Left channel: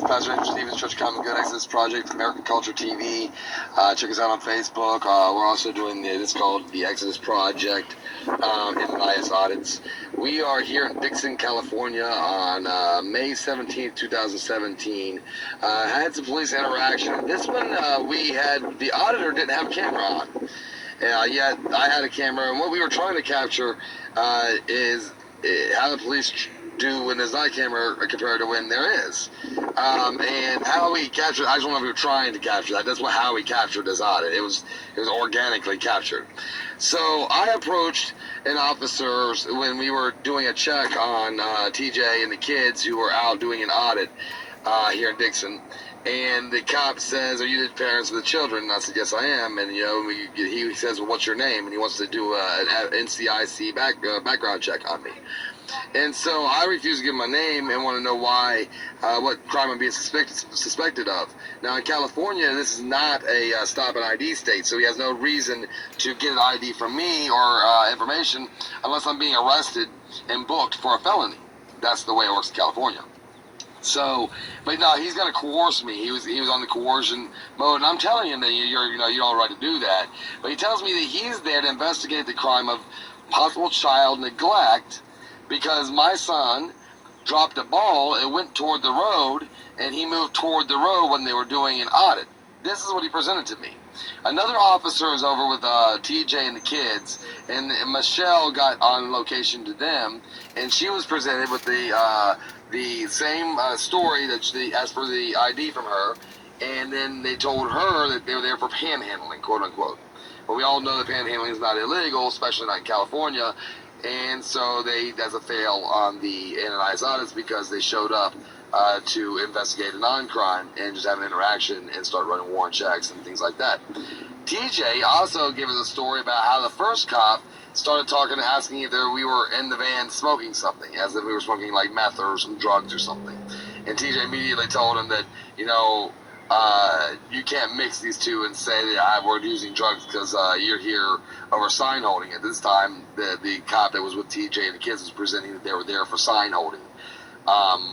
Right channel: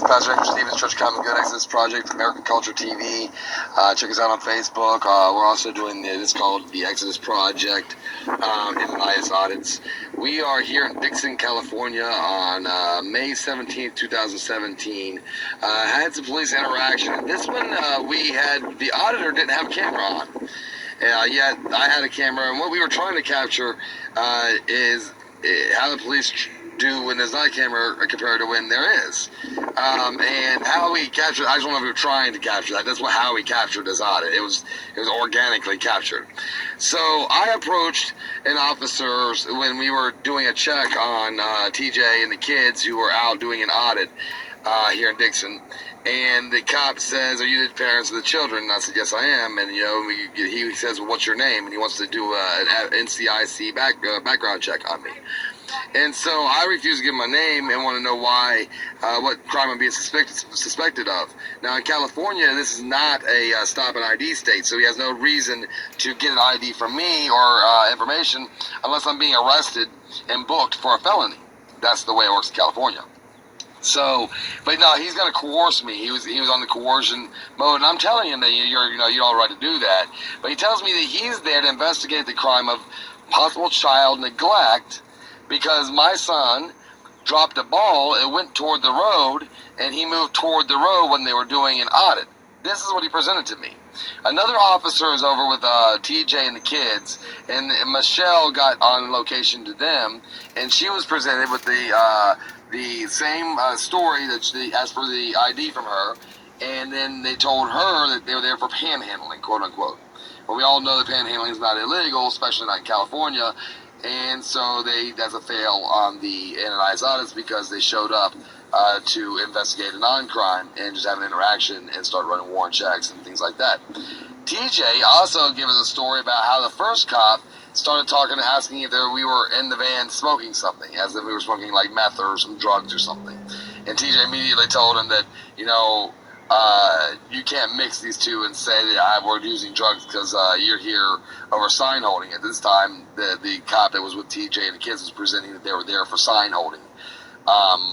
guys. Pastor Andrew Stevens, Church of Common Good, Exodus Project, American Culture TV. Check us out on Facebook. We're also doing this called the Exodus Project, Ananias Audits. We are here in Dixon, California on May 17th, 2017. Had some police interaction. This one, the auditor didn't have a camera on. Yet I had a camera, and what we were trying to capture is how the police do when there's not a camera compared to when there is. And how we captured, I just don't know if we were trying to capture that. That's how we captured this audit. It was organically captured. So I approached an officer when we were doing a check on TJ and the kids who were out doing an audit here in Dixon. And the cop says, "Are you the parents of the children?" And I said, "Yes, I am." And he says, "Well, what's your name?" And he wants to do an NCIC background check on me. And so I refuse to give my name and want to know why, what crime I'm being suspected of. Now in California, this is not a stop and ID state, so he has no reason to get an ID from me or information unless I'm being arrested and booked for a felony. That's the way it works in California. So, but no, he's going to coerce me. He was on the coercion mode, and I'm telling him that you don't have the right to do that. But he tells me that he's there to investigate the crime of possible child neglect because my son dropped a ball, it went toward the road, and he moved toward the road when they were doing an audit. This is what he presented to me. Another officer is over with TJ and the kids, and Michelle got on location to them, and she was presented with the same story that she asked for the ID from her, and then they told her that they were there for panhandling, quote unquote. But we all know that panhandling is not illegal, especially not in California, and so that's a fail on the Ananias audits because they showed up to investigate a non-crime and just have an interaction and start running warrant checks and things like that. TJ also gave us a story about how the first cop started talking and asking if we were in the van smoking something, as if we were smoking like meth or some drugs or something. And TJ immediately told him that, you can't mix these two and say that we're using drugs because you're here over sign holding. At this time, the cop that was with TJ and the kids was presenting that they were there for sign holding,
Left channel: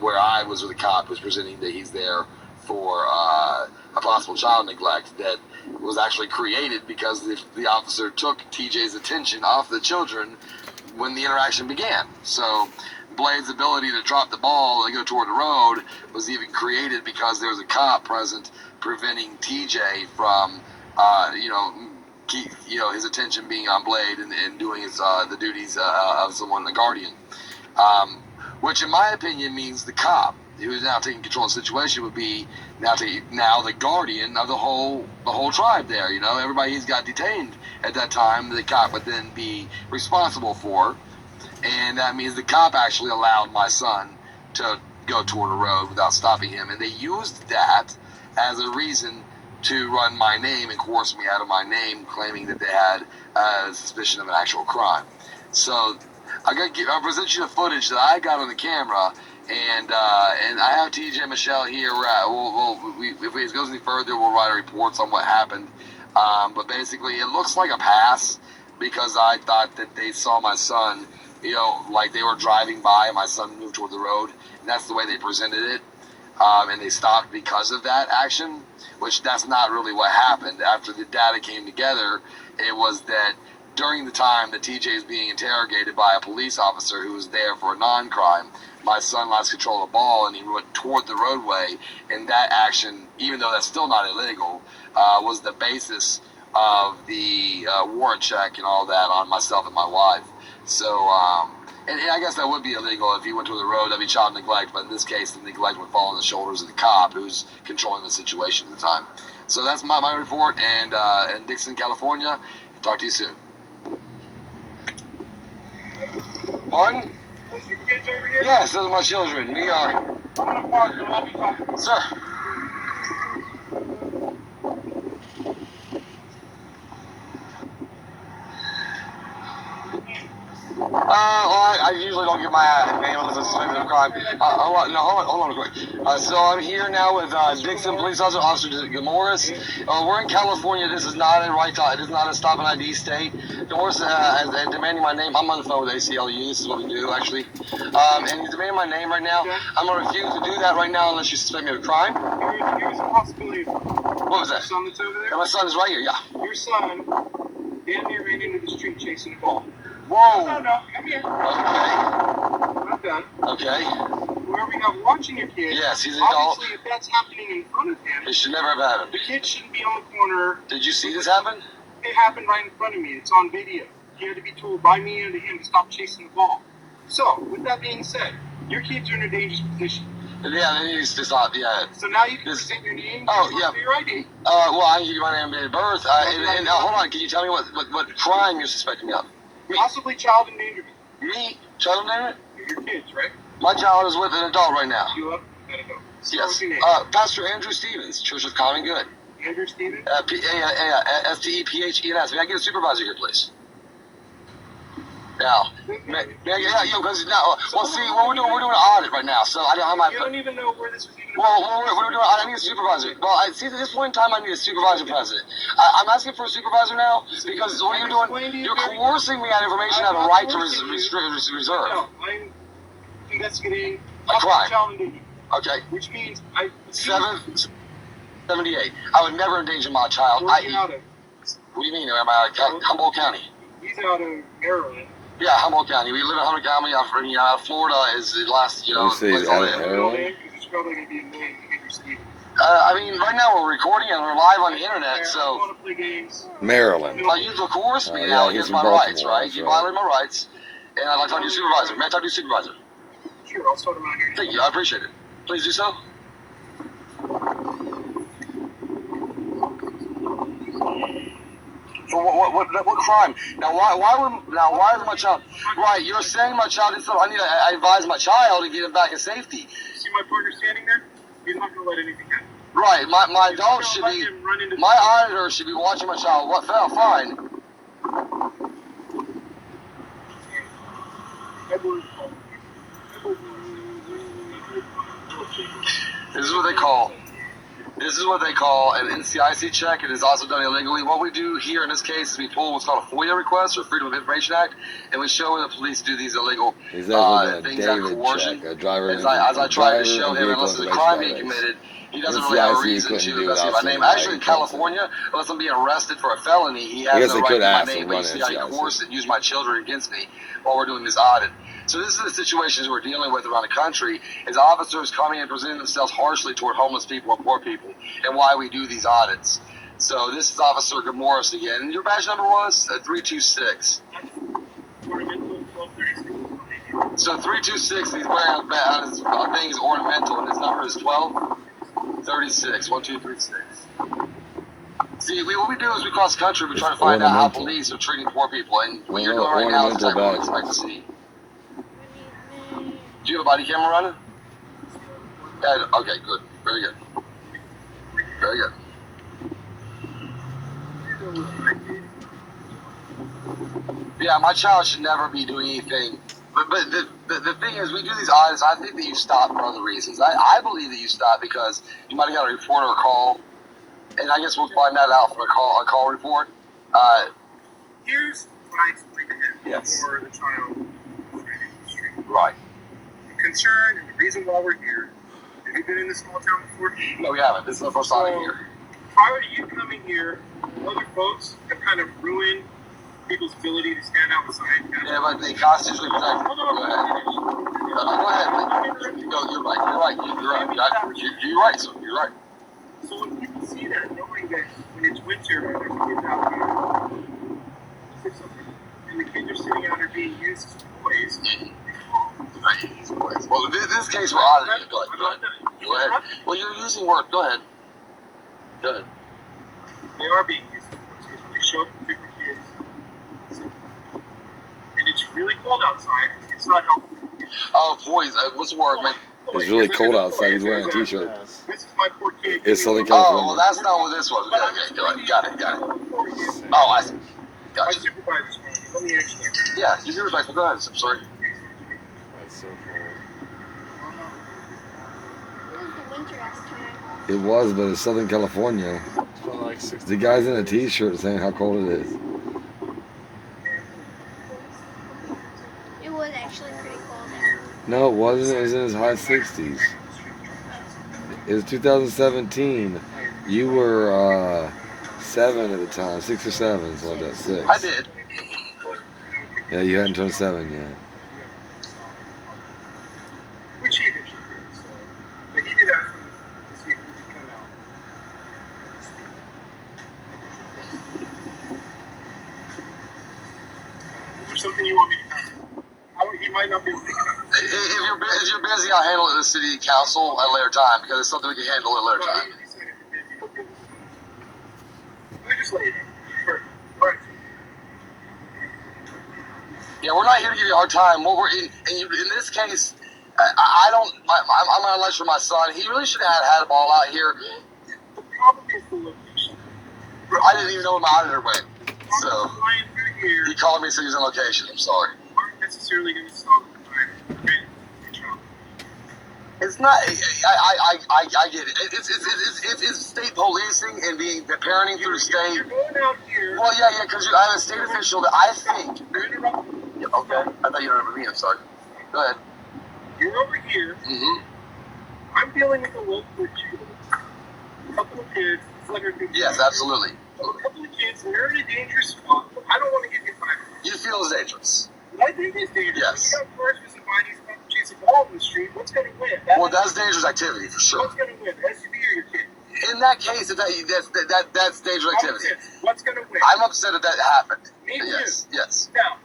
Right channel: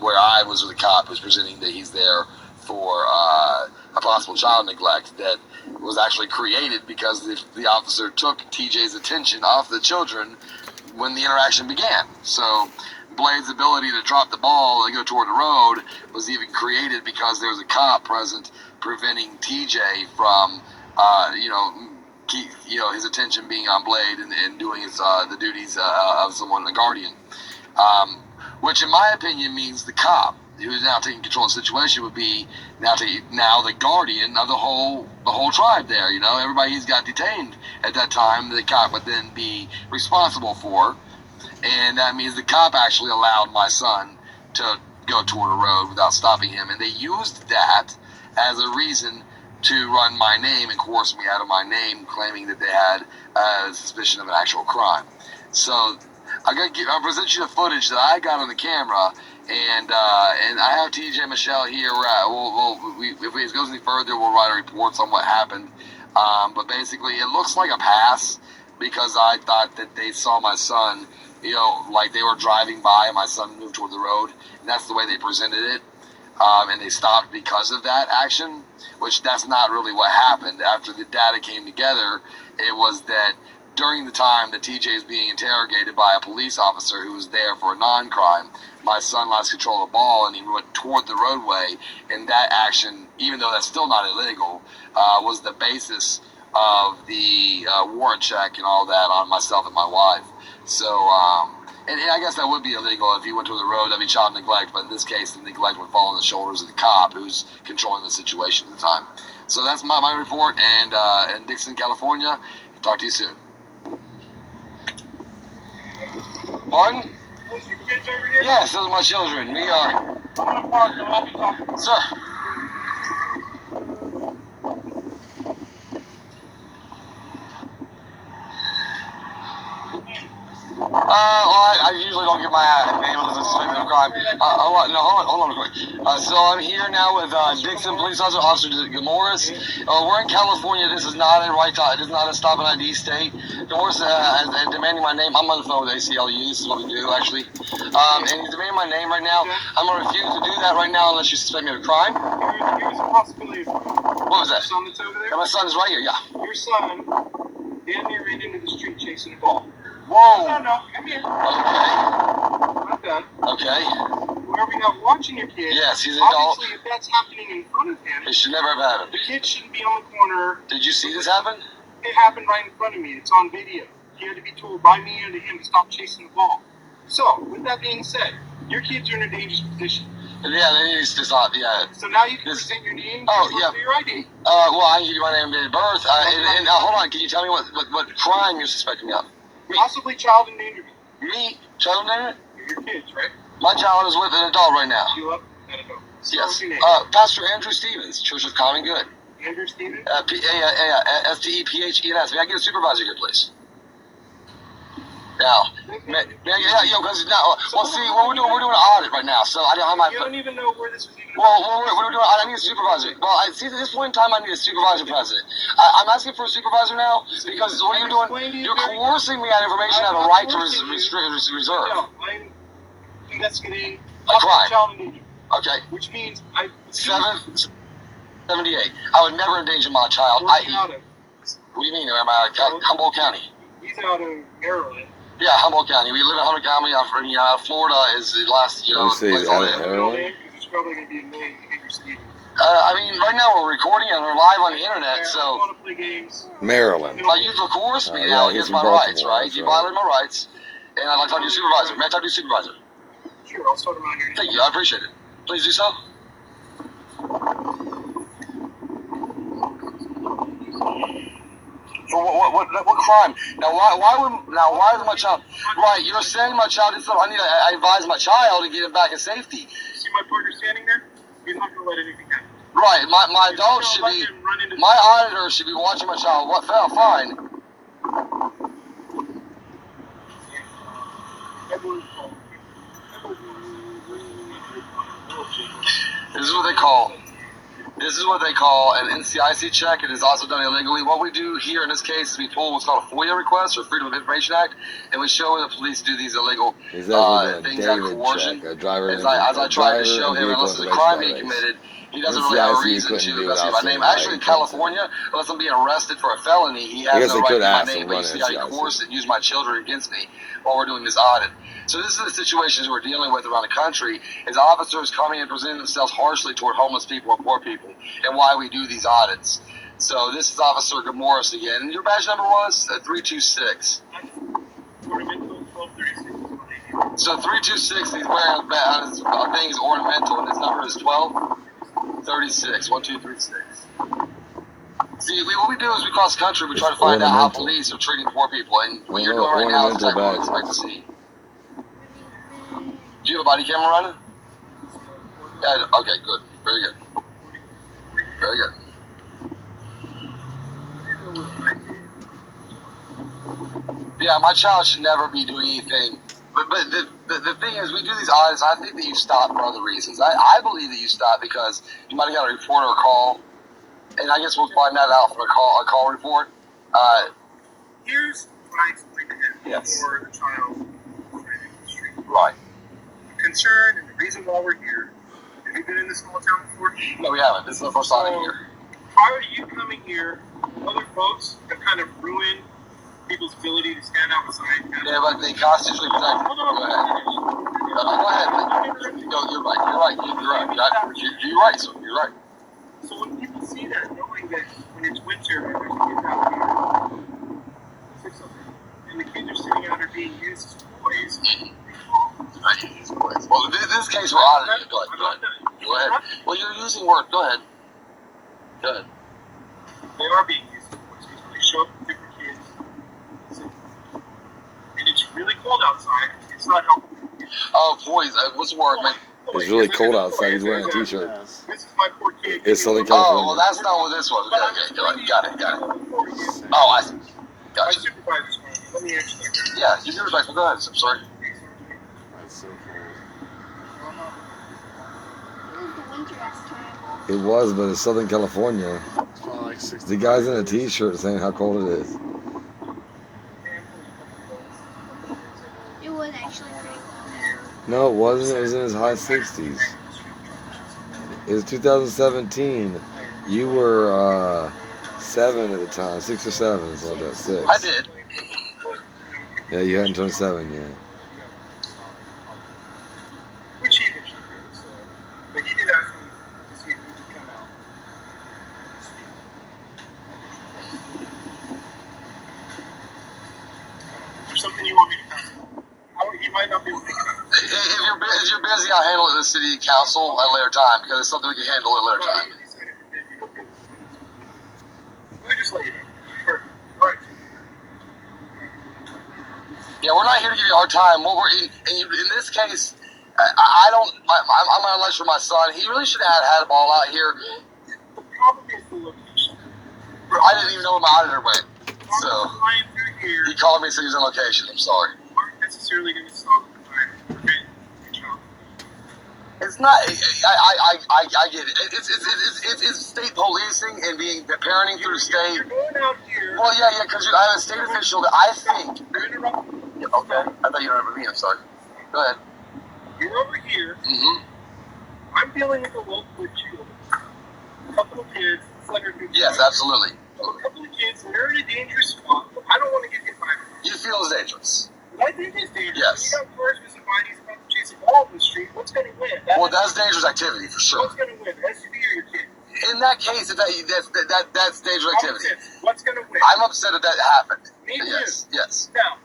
where I was with the cop who was presenting that he's there for a possible child neglect that was actually created because the officer took TJ's attention off the children when the interaction began. So Blade's ability to drop the ball and go toward the road was even created because there was a cop present preventing TJ from, his attention being on Blade and doing the duties of someone, a guardian. Which in my opinion means the cop who is now taking control of the situation would be now the guardian of the whole tribe there. Everybody he's got detained at that time, the cop would then be responsible for. And that means the cop actually allowed my son to go toward a road without stopping him. And they used that as a reason to run my name and coerce me out of my name, claiming that they had a suspicion of an actual crime. So I'll present you the footage that I got on the camera, and I have TJ and Michelle here. If it goes any further, we'll write reports on what happened. But basically, it looks like a pass because I thought that they saw my son, like they were driving by and my son moved toward the road, and that's the way they presented it. And they stopped because of that action, which that's not really what happened. After the data came together, it was that during the time that TJ is being interrogated by a police officer who was there for a non-crime, my son lost control of the ball and he went toward the roadway, and that action, even though that's still not illegal, was the basis of the warrant check and all that on myself and my wife. So, and I guess that would be illegal if you went to the road. That'd be child neglect, but in this case, the neglect would fall on the shoulders of the cop who's controlling the situation at the time. So that's my report, and in Dixon, California. Talk to you soon. Pardon? Yes, those are my children. We are. Sir. Well, I usually don't give my name unless it's suspected of crime. Hold on real quick. So I'm here now with Dixon police officer Morris. We're in California. This is not a this is not a stop and ID state. Morris is demanding my name. I'm on the phone with ACLU. This is what we do, actually. And he's demanding my name right now. I'm going to refuse to do that right now unless you suspect me of a crime. Here's a possibility. What was that? Your son that's over there? My son is right here, yeah. Your son damn near ran into the street chasing a ball. Whoa! No, come here. Okay. I'm done. Okay. Whoever you have watching your kid, yes, he's an adult. Obviously, if that's happening in front of him, it should never have happened. The kid shouldn't be on the corner. Did you see this happen? It happened right in front of me. It's on video. He had to be told by me and to him to stop chasing the ball. So, with that being said, your kids are in a dangerous position. Yeah, they need to stop, yeah. So now you can present your name yeah. your ID. Well, I can give you my name and date of birth. And hold on, can you tell me what crime you're suspecting me of? Possibly child endangerment. Me? Child endangerment? Your kids, right? My child is with an adult right now. You up? An adult. So yes. what's your name? Pastor Andrew Stevens, Church of Common Good. Andrew Stevens? STEPHENS. May I get a supervisor here, please? Now, because now, well, see, we're doing an audit right now, so I don't have my. You don't even know where this was even. Well, we're doing. I need a supervisor. Well, I see at this point in time, I need a supervisor president. I'm asking for a supervisor now because what you're doing, you're coercing me on information I have a right to reserve. No, I'm investigating a crime. Child endangerment. Okay. Which means 778. I would never endanger my child. Where's he out of? What do you mean? Am I Humboldt County? He's out of Maryland. Yeah, Humboldt County. We live in Humboldt County. Florida is the last, place out of Maryland? It's probably going to be annoying to get your Stevens. I mean, right now we're recording and we're live on the internet, so. I don't want to play games. Maryland. Like, you coerce me now against my rights, right? You violated my rights, and I'd like to talk to your supervisor. May I talk to your supervisor? Sure, I'll start him out here. Thank you, I appreciate it. Please do so. For what crime? Now why is my child? Right, you're saying my child is. I advise my child to get him back in safety. You see my partner standing there? He's not going to let anything happen. Right, my adult should be. My auditor should be watching my child. What fell? Fine. This is what they call. This is what they call an NCIC check. It is also done illegally. What we do here in this case is we pull what's called a FOIA request, or Freedom of Information Act, and we show where the police do these illegal things like coercion. As I tried to show him, unless there's a crime being committed, he doesn't really have a reason to investigate my name. Actually, in California, unless I'm being arrested for a felony, he has no right to my name. But you see how he coerced and used my children against me while we're doing this audit. So this is the situations we're dealing with around the country, is officers coming and presenting themselves harshly toward homeless people or poor people, and why we do these audits. So this is Officer Morris again. And your badge number was 326. So 326, he's wearing his thing is ornamental, and his number is 1236. 1236. See, what we do is we cross the country, we try to find out how police are treating poor people, and what you're doing right now is exactly what we expect to see. Do you have a body camera running? Okay, good. Very good. Very good. Yeah, my child should never be doing anything. But the thing is, we do these audits. I think that you stop for other reasons. I believe that you stop because you might have got a report or a call, and I guess we'll find that out from a call report. Here's what I explained to him before the child was ran into the street. Right. Concern and the reason why we're here. Have you been in this small town before? No, we haven't. This is the first time here. Prior to you coming here, other folks have kind of ruined people's ability to stand outside. Yeah, but they constitutionally protect. Go ahead. Go ahead. No, you're right. You're right. You're right. So you're right. So when people see that, knowing that when it's winter and there's kids out here, and the kids are sitting out there being used as toys. Well, in this case, we're auditing. Go ahead. Well, you're using words. Go ahead. Go ahead. They are being used as toys. They show up to different kids. And it's really cold outside. It's not helpful. Oh, boys. What's the word, man? It's really cold outside. He's wearing a t-shirt. This is my poor kid. It's Southern California. Oh, well, that's not what this was. Okay. Got it. Oh, I see. Gotcha. My supervisor's phone. Let me answer that. Yeah, you're respectful. Go ahead. I'm sorry. It was, but it's Southern California. It's probably like 60. The guy's in a t-shirt saying how cold it is. It was actually pretty cold there. No, it wasn't. It was in his high 60s. It was 2017. You were 7 at the time, 6 or 7, something like that. 6. I did. Yeah, you hadn't turned 7 yet. We cheated. But he did ask me to see if we could come out. Is there something you want me to know? You might not be able to come out. If you're busy, I'll handle it in the city council at a later time because it's something we can handle at a later time. We just later. Perfect. All right. Yeah, we're not here to give you a hard time. What we're in this case, I don't. I'm on a lunch for my son. He really should have had a ball out here. The problem is the location. I didn't even know where my auditor went. So Flying through here, he called me and said he was on location. I'm sorry. aren't necessarily going to stop the time. Okay? Good job. It's not. I get it. It's state policing and being parenting through the state. You're going out here. Well, yeah, because I'm a state official that I think. You're interrupting. Yeah, okay. I thought you remember me. I'm sorry. Go ahead. You're over here. Mm-hmm. I'm dealing with a local issue. A couple of kids. It's like a Yes, absolutely. A couple of kids, and they're in a dangerous spot. I don't want to get hit by them. You feel it's dangerous. But I think it's dangerous. Yes. You got cars missing bodies about to chase a ball in the street. What's going to win? Well, that's dangerous activity for sure. What's going to win? SUV or your kid? In that case, that's dangerous activity. What's going to win? I'm upset that happened. Me too. Yes, yes. Now,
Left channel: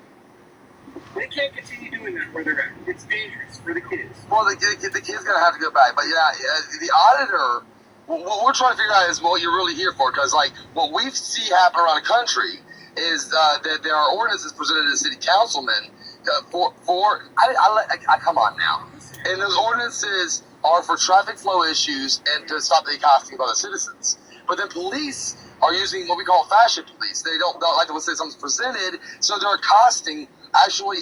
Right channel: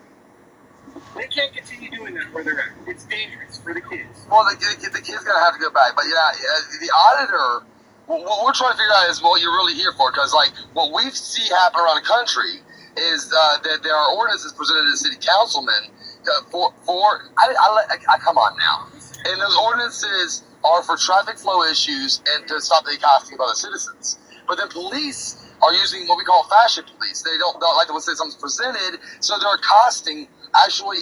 they can't continue doing that where they're at. It's dangerous for the kids. Well, the kid's gonna have to go back. But yeah, the auditor. What we're trying to figure out is what you're really here for, because like what we see happen around the country is that there are ordinances presented to city councilmen I come on now, and those ordinances are for traffic flow issues and to stop the accosting of other citizens. But then police are using what we call fashion police. They don't like to say something's presented, so they're accosting, actually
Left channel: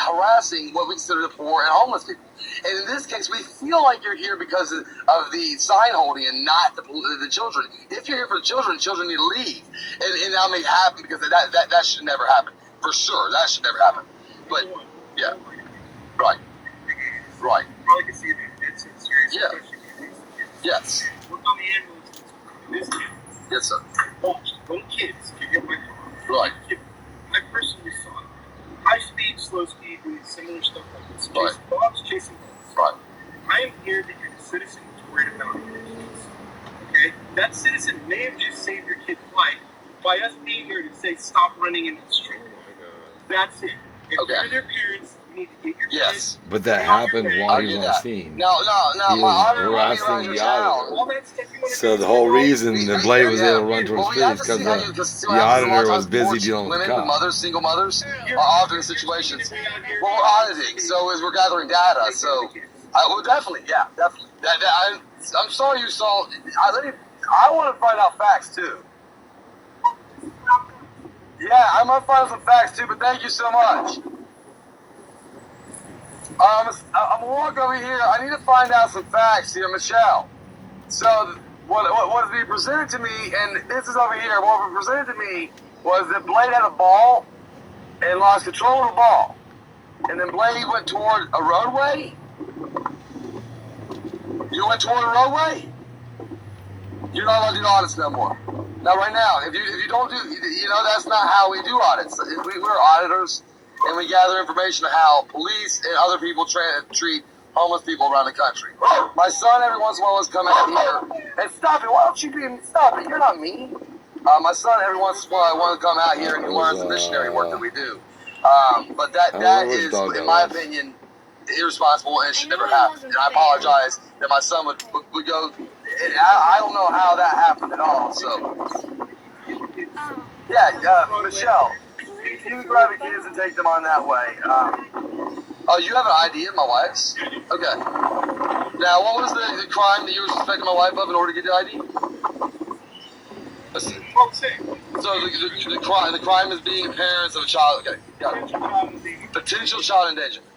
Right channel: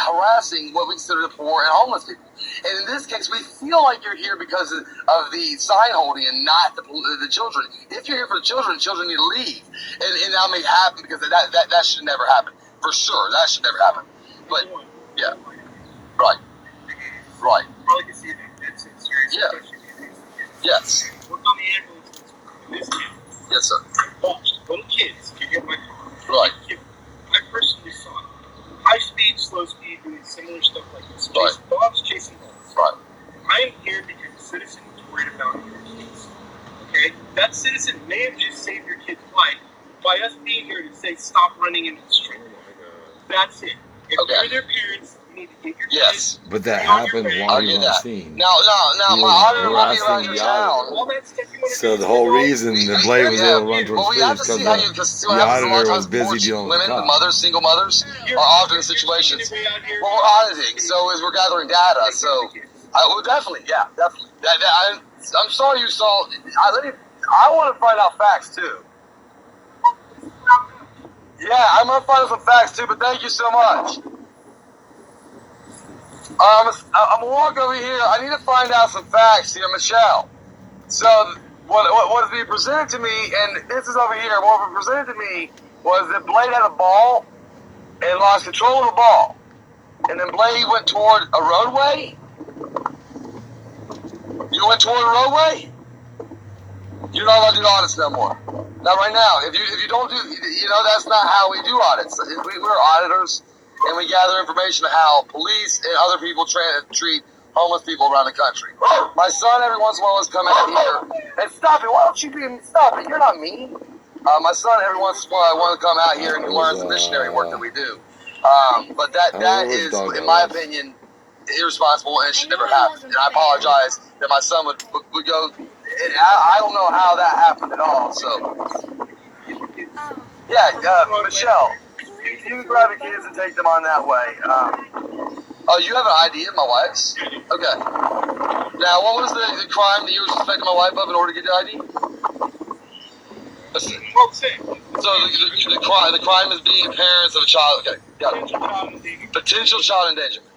harassing what we consider the poor and homeless people. And in this case, we feel like you're here because of the sign holding and not the children. If you're here for the children need to leave. And that may happen because that should never happen. For sure, that should never happen. But, yeah. Right. Right. Probably can see that. It's a serious Yeah. Yes. Look on the ambulance. This kid. Yes, sir. Little kids can get my car. Right. I personally saw it. High speed, slow speed, doing similar stuff like this. Right. Chasing dogs, chasing dogs. Right. I am here because a citizen is worried about your kids. Okay? That citizen may have just saved your kid's life by us being here to say stop running into the street. That's it. If Okay. you're their parents, you need to get your Yes. But that happened while I he get was on that. scene. Now, He my was auditor will be harassing around your the town. auditor. all that stuff you want to So do. the whole reason the blade was able to run towards Well, the we have fish to see how you, because because the auditor was busy dealing with women, the the cop. mothers, single mothers, are often in situations. Well, we're auditing, so as we're gathering data, so well, definitely, yeah, definitely. I'm sorry you saw. I want to find out facts too. Yeah, I'm gonna find out some facts too, but thank you so much. I'm gonna walk over here. I need to find out some facts here, Michelle. So what is being presented to me, and this is over here. What was presented to me was that Blade had a ball and lost control of the ball, and then Blade went toward a roadway. You went toward a roadway. You're not allowed to do audits no more. Not right now. If you don't do, that's not how we do audits. We're auditors, and we gather information on how police and other people treat homeless people around the country. My son every once in a while has come out here and stop it. Why don't you stop it? You're not me. My son every once in a while wants to come out here and learn the missionary work that we do. But that is, in my opinion, irresponsible and should never happen. And I apologize that my son would go. And I don't know how that happened at all. So, yeah, Michelle, you grab the kids and take them on that way. Oh, you have an ID of my wife's? Okay. Now, what was the crime that you were suspecting my wife of in order to get the ID? So the crime is being parents of a child. Okay, got it. Potential child endangerment.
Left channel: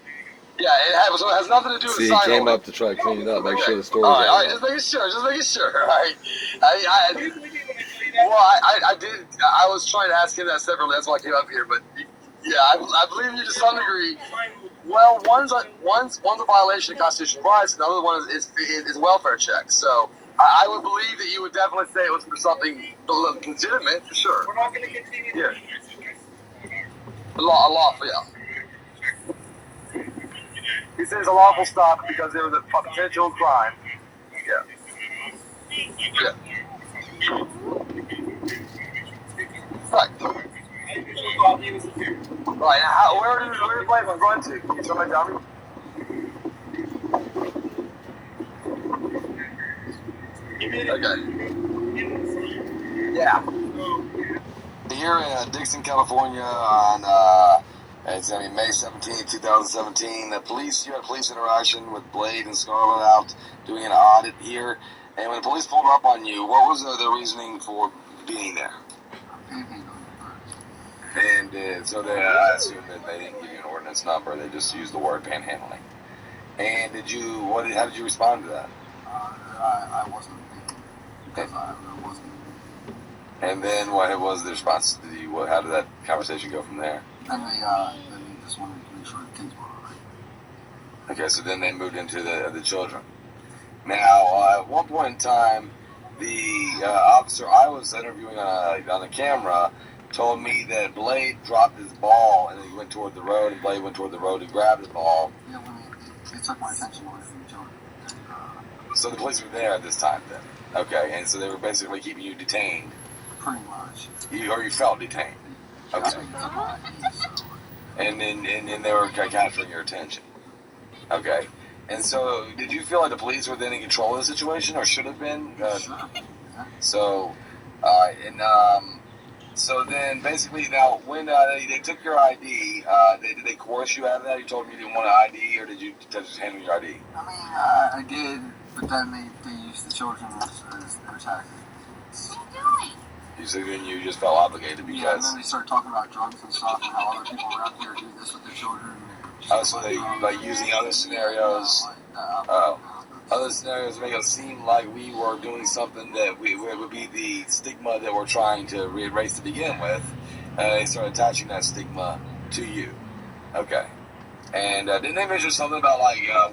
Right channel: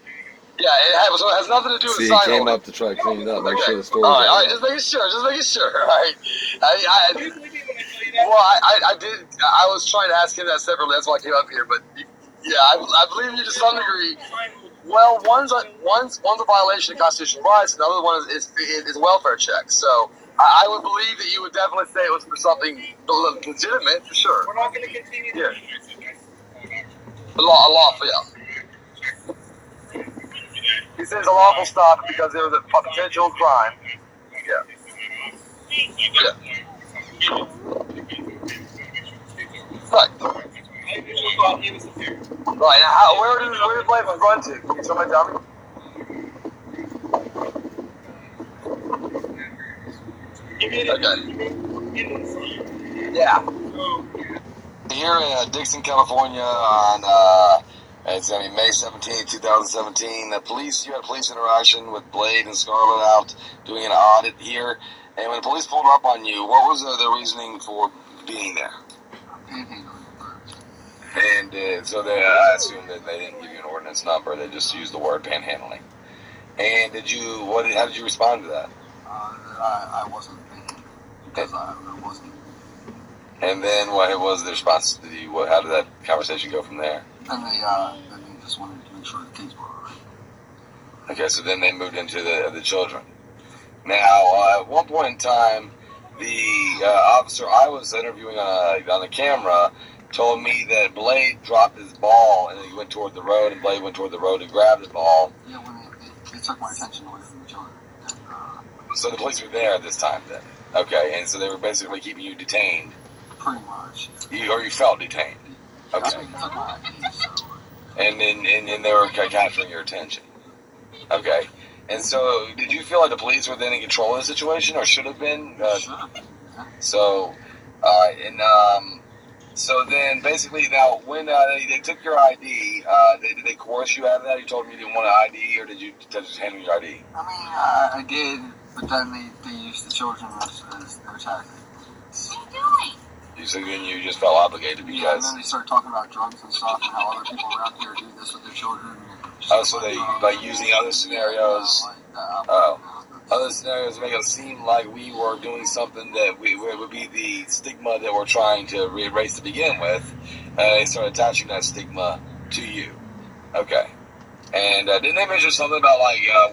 Yeah, so it has nothing to do with See, he sign came holding. up to try to clean it up, make sure the All story's right, all just right. making sure, All right. Here's what I did when I tell you that. Well, I did. I was trying to ask him that separately. That's why I came up here. But yeah, I believe you to some degree. Well, one's a violation of constitutional rights, and the other one is welfare checks. So I would believe that you would definitely say it was for something legitimate, for sure. We're not going to continue. Yeah. A lawful, yeah. He says a lawful stop because it was a potential crime. Yeah. Yeah. Right. Right. Where did the plane run to? Can somebody tell me? Okay. Yeah. Here in Dixon, California, on it's gonna be May 17th, 2017. You had police interaction with Blade and Scarlett out doing an audit here. And when the police pulled up on you, what was the reasoning for being there? And so I assume that they didn't give you an ordinance number; they just used the word panhandling. And how did you respond to that? I wasn't because I wasn't. And then what was the response to you? How did that conversation go from there? And they just wanted to make sure the kids were all right. Okay, so then they moved into the children. Now, at one point in time, the officer I was interviewing on the camera told me that Blade dropped his ball and he went toward the road, and Blade went toward the road to grab the ball. Yeah, when they took my attention away from the children. So the police were there at this time then. Okay, and so they were basically keeping you detained. Pretty much. You felt detained. Okay. That's what they took my ID, so. And then they were capturing your attention. Okay. And so, did you feel like the police were then in control of the situation, or should have been? Sure. Yeah. So, so then basically now, when they took your ID, did they coerce you out of that? You told them you didn't want an ID, or did you just hand them your ID? I mean, I did, but then they used the children as their tactic. So then you just felt obligated because. Yeah, and then they started talking about drugs and stuff and how other people around here do this with the children. Oh, so they using other scenarios. Other scenarios make it seem like we were doing something that would be the stigma that we're trying to erase to begin with. They started attaching that stigma to you. Okay. And didn't they mention something about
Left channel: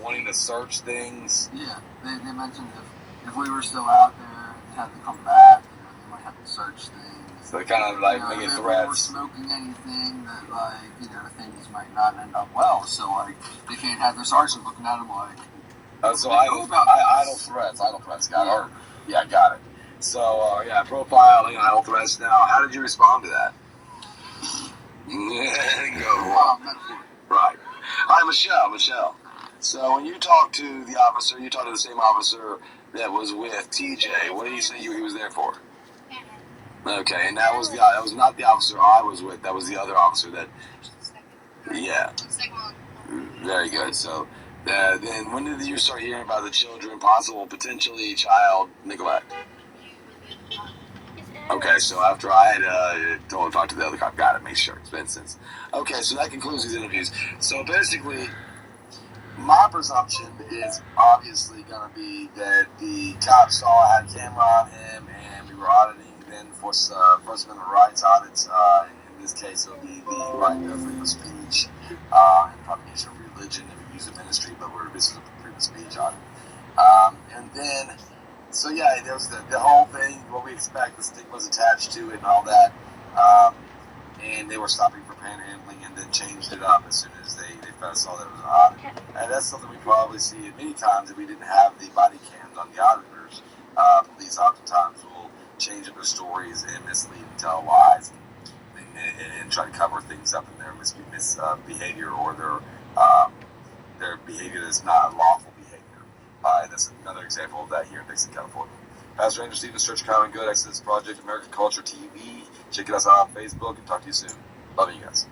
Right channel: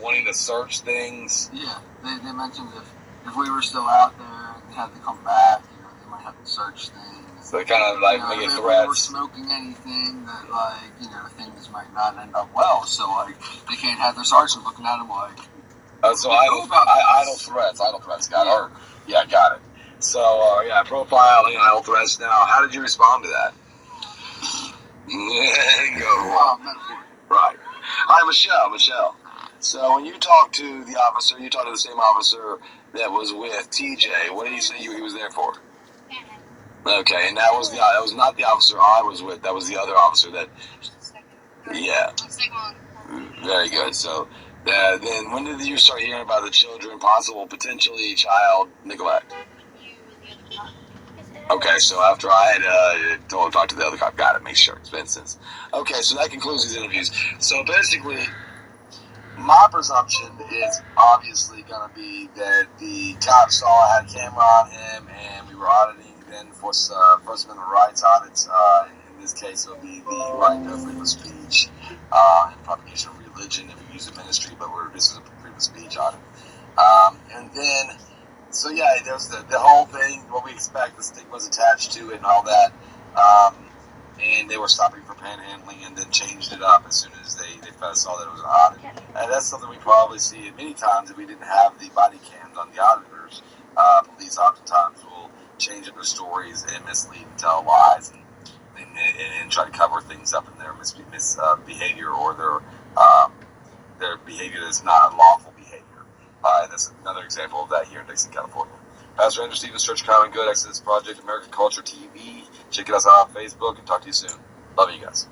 wanting to search things? Yeah, they mentioned if we were still out there, they had to come back. They might have to search things. So they kind of making if threats. we were smoking anything that things might not end up well. So they can't have their sergeant looking at them like. So idle threats got hurt. Yeah, got it. So profiling, idle threats. Now, how did you respond to that? Right. Hi, Michelle. So when you talked to the officer, you talked to the same officer that was with TJ. What did he say he was there for? Okay, and that was not the officer I was with. That was the other officer that. Yeah. Very good. So. Then when did you start hearing about the children, potentially child neglect? Okay, so after I had talked to the other cop, got it, make sure, it's been since. Okay, so that concludes these interviews. So basically, my presumption is obviously going to be that the cop saw I had a camera on him, and we were auditing then for First Amendment rights audits. In this case, it would be the right of freedom of speech and propagation of religion if you use a ministry, but this is a freedom of speech audit. And then, so yeah, there's the whole thing, what we expect, the stigmas attached to it and all that. And they were stopping for panhandling and then changed it up as soon as they saw that it was an audit. And that's something we probably see many times if we didn't have the body cams on the auditors. Police oftentimes will change up their stories and mislead and tell lies and try to cover things up in their misbehavior or their behavior that's not lawful behavior. And that's another example of that here in Dixon, California. Pastor Andrew Stevens, Church of Common Good, Exodus Project, American Culture TV. Check us out on Facebook and talk to you soon. Love you guys.